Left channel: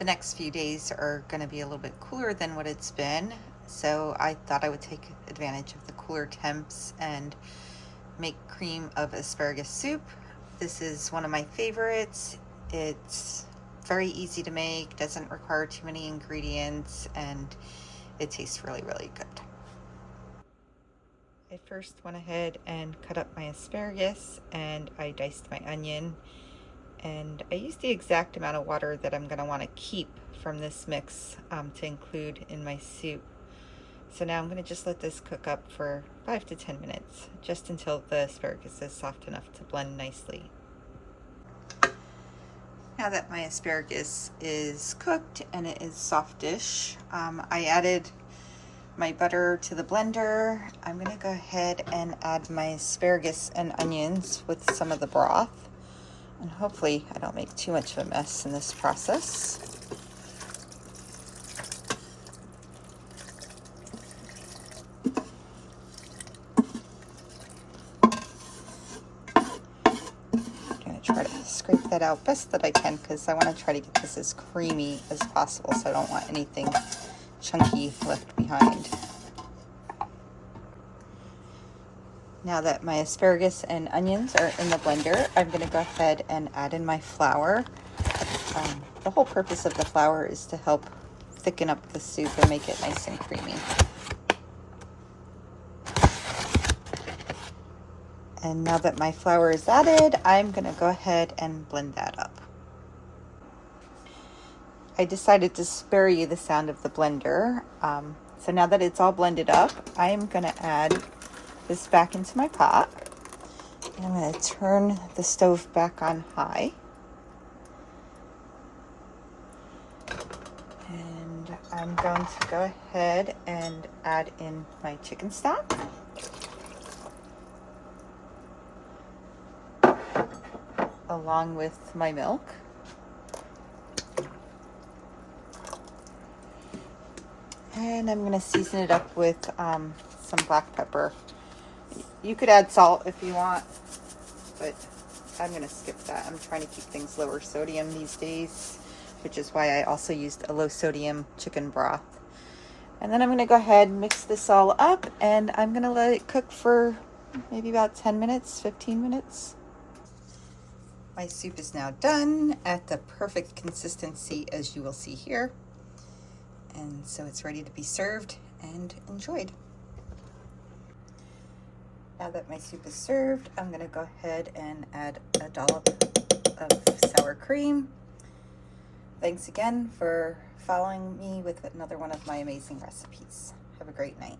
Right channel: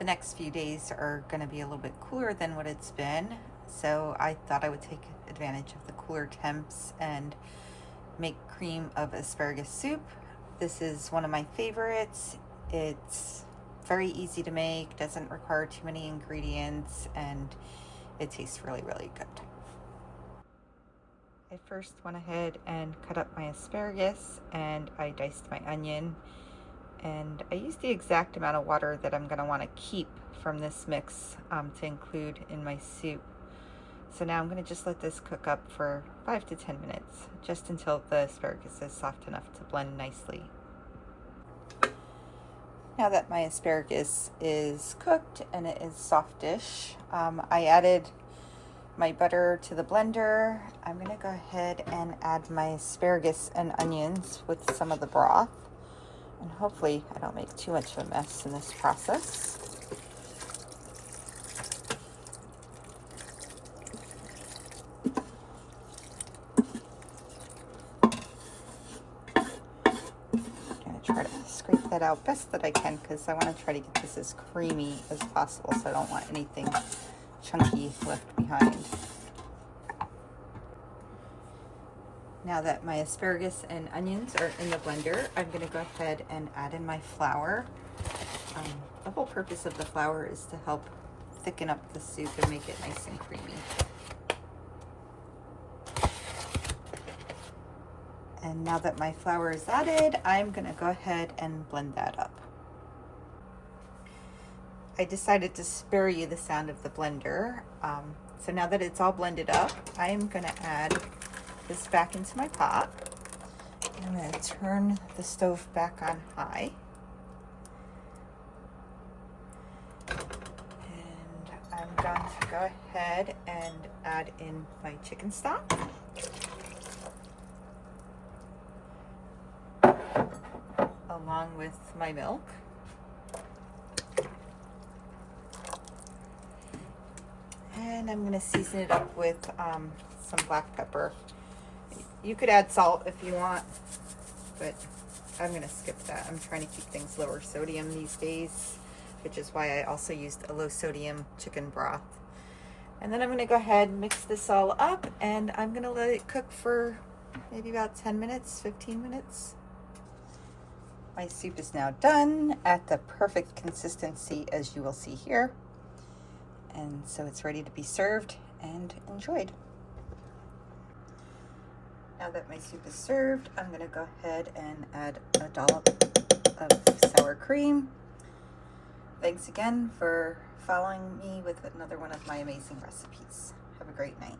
The next few days are going to be a little bit cooler than what it's been, so I thought I would take advantage of the cooler temps and make cream of asparagus soup. This is one of my favorites. It's very easy to make, doesn't require too many ingredients, and it tastes really, really good. I first went ahead and cut up my asparagus, and I diced my onion, and I used the exact amount of water that I'm going to want to keep from this mix to include in my soup. So now I'm going to just let this cook up for 5 to 10 minutes, just until the asparagus is soft enough to blend nicely. Now that my asparagus is cooked and it is softish, I added my butter to the blender. I'm going to go ahead and add my asparagus and onions with some of the broth. And hopefully I don't make too much of a mess in this process. I'm going to try to scrape that out best that I can, because I want to try to get this as creamy as possible, so I don't want anything chunky left behind. Now that my asparagus and onions are in the blender, I'm going to go ahead and add in my flour. The whole purpose of the flour is to help thicken up the soup and make it nice and creamy. And now that my flour is added, I'm going to go ahead and blend that up. I decided to spare you the sound of the blender. So now that it's all blended up, I am going to add this back into my pot. And I'm going to turn the stove back on high. And I'm going to go ahead and add in my chicken stock. Along with my milk. And I'm going to season it up with some black pepper. You could add salt if you want, but I'm going to skip that. I'm trying to keep things lower sodium these days, which is why I also used a low sodium chicken broth. And then I'm going to go ahead and mix this all up, and I'm going to let it cook for maybe about 10 minutes, 15 minutes. My soup is now done at the perfect consistency, as you will see here. And so it's ready to be served and enjoyed. Now that my soup is served, I'm going to go ahead and add a dollop of sour cream. Thanks again for following me with another one of my amazing recipes. Have a great night.